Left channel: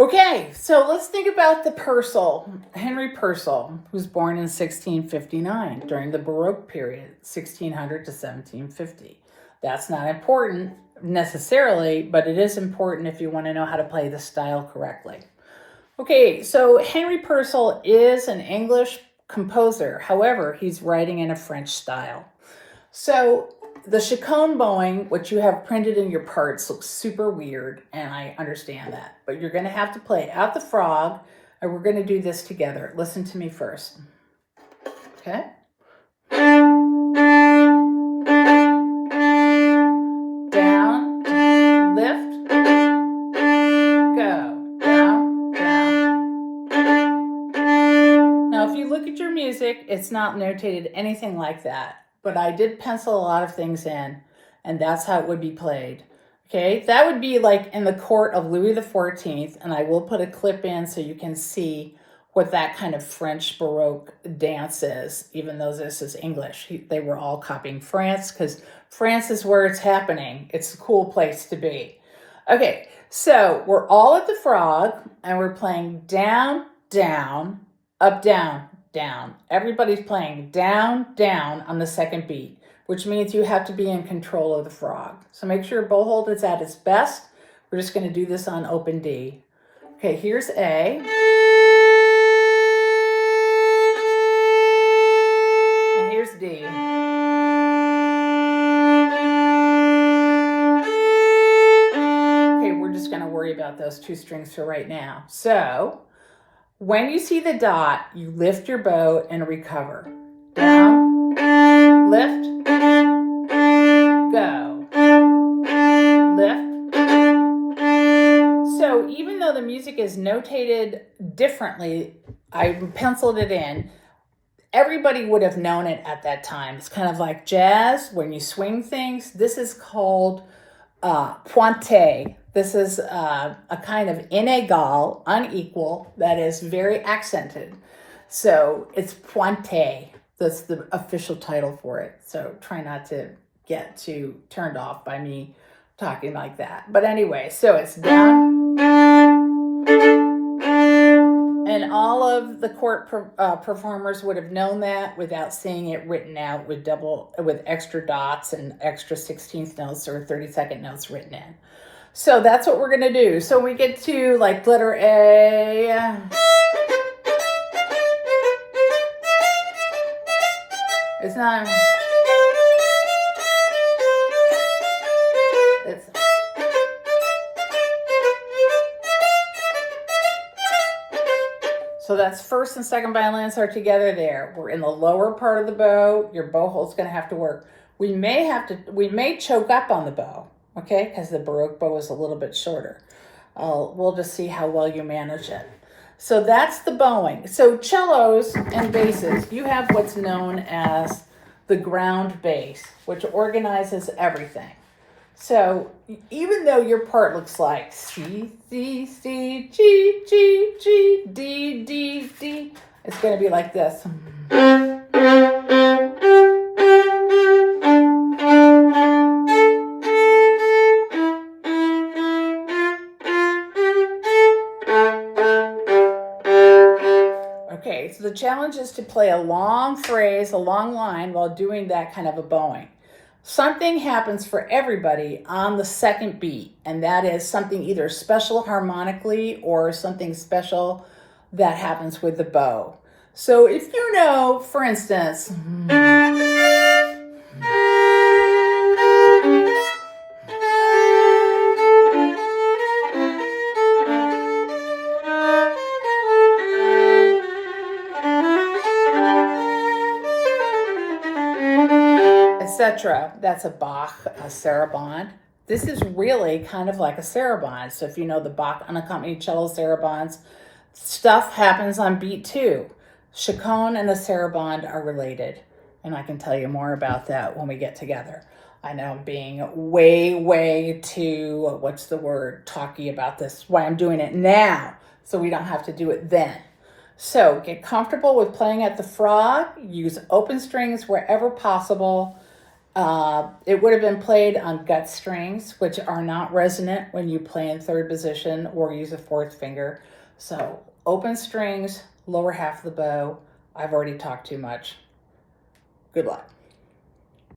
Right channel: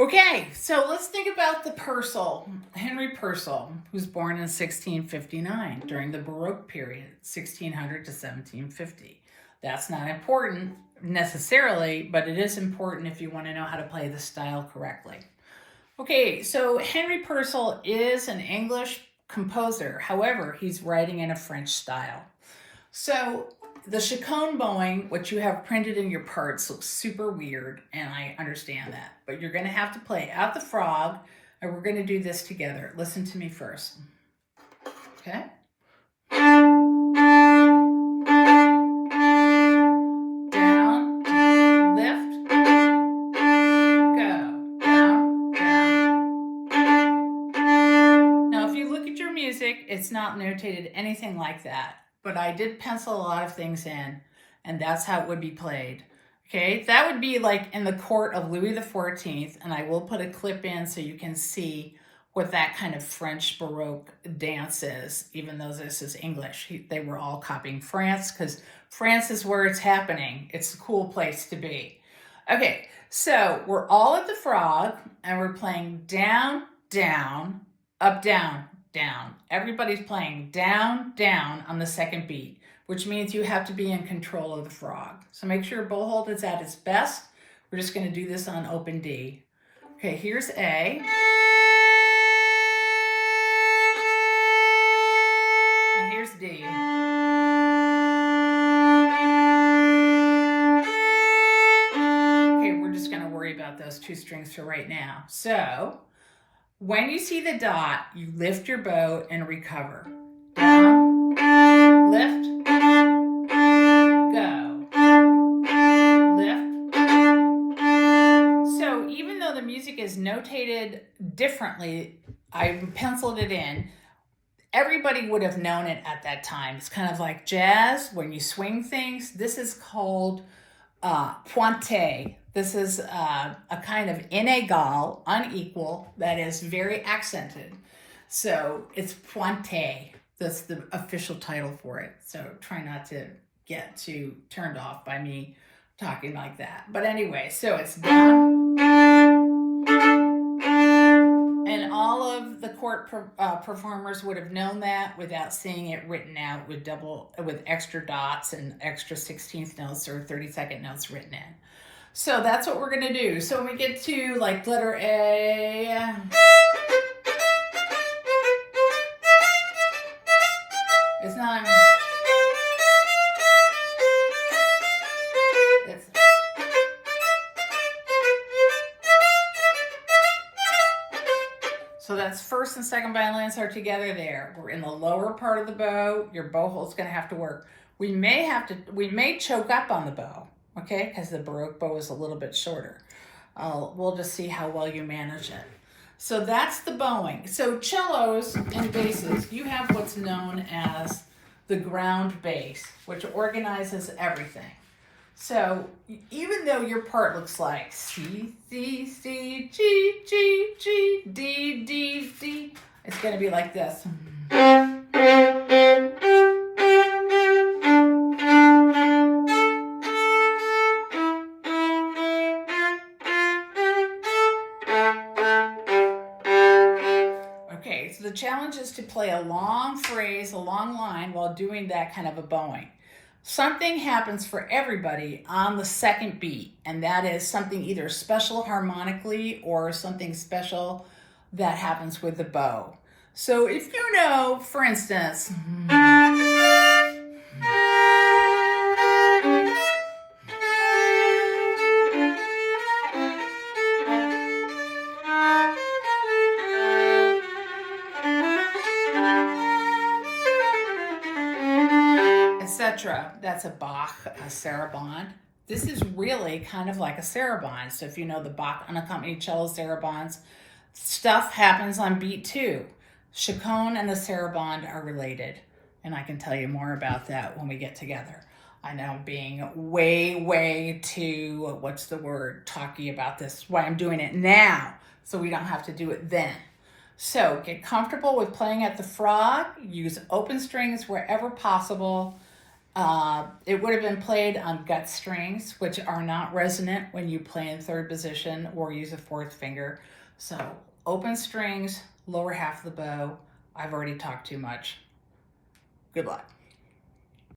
Okay, so let's think about the Purcell, Henry Purcell, who's born in 1659 during the Baroque period, 1600 to 1750. That's not important necessarily, but it is important if you want to know how to play the style correctly. Okay, so Henry Purcell is an English composer. However, he's writing in a French style. So the Purcell Bowing, which you have printed in your parts, looks super weird, and I understand that. But you're going to have to play Out the Frog, and we're going to do this together. Listen to me first. Okay? Down, lift, go. Down, down. Now, if you look at your music, it's not notated anything like that. But I did pencil a lot of things in, and that's how it would be played. Okay, that would be like in the court of Louis XIV, and I will put a clip in so you can see what that kind of French Baroque dance is, even though this is English. They were all copying France because France is where it's happening. It's a cool place to be. Okay, so we're all at the frog, and we're playing down, down, up, down, down. Everybody's playing down, down on the second beat, which means you have to be in control of the frog. So make sure bow hold is at its best. We're just going to do this on open D. Okay, here's A. And here's D. Okay, we're just going to worry about those two strings for right now. So when you see the dot, you lift your bow and recover. Down, lift, go, lift. So even though the music is notated differently, I penciled it in. Everybody would have known it at that time. It's kind of like jazz, when you swing things. This is called pointe. This is a kind of inégal, unequal, that is very accented. So it's pointe. That's the official title for it. So try not to get too turned off by me talking like that. But anyway, so it's down. And all of the court performers would have known that without seeing it written out with extra dots and extra 16th notes or 32nd notes written in. So that's what we're going to do. So we get to like letter A. It's not. It's. So that's first and second violins are together there. We're in the lower part of the bow. Your bow hole's going to have to work. We may choke up on the bow. Okay, because the Baroque bow is a little bit shorter. We'll just see how well you manage it. So that's the bowing. So cellos and basses, you have what's known as the ground bass, which organizes everything. So even though your part looks like C, C, C, G, G, G, D, D, D, it's going to be like this. Okay, so the challenge is to play a long phrase, a long line while doing that kind of a bowing. Something happens for everybody on the second beat, and that is something either special harmonically or something special that happens with the bow. So if you know, for instance, etc. That's a Bach, a sarabande. This is really kind of like a sarabande. So if you know the Bach unaccompanied cello sarabandes, stuff happens on beat 2. Chaconne and the sarabande are related, and I can tell you more about that when we get together. I know I'm being way too, talky about this. That's why I'm doing it now, so we don't have to do it then. So get comfortable with playing at the frog. Use open strings wherever possible. It would have been played on gut strings, which are not resonant when you play in third position or use a fourth finger. So open strings, lower half of the bow. I've already talked too much. Good luck.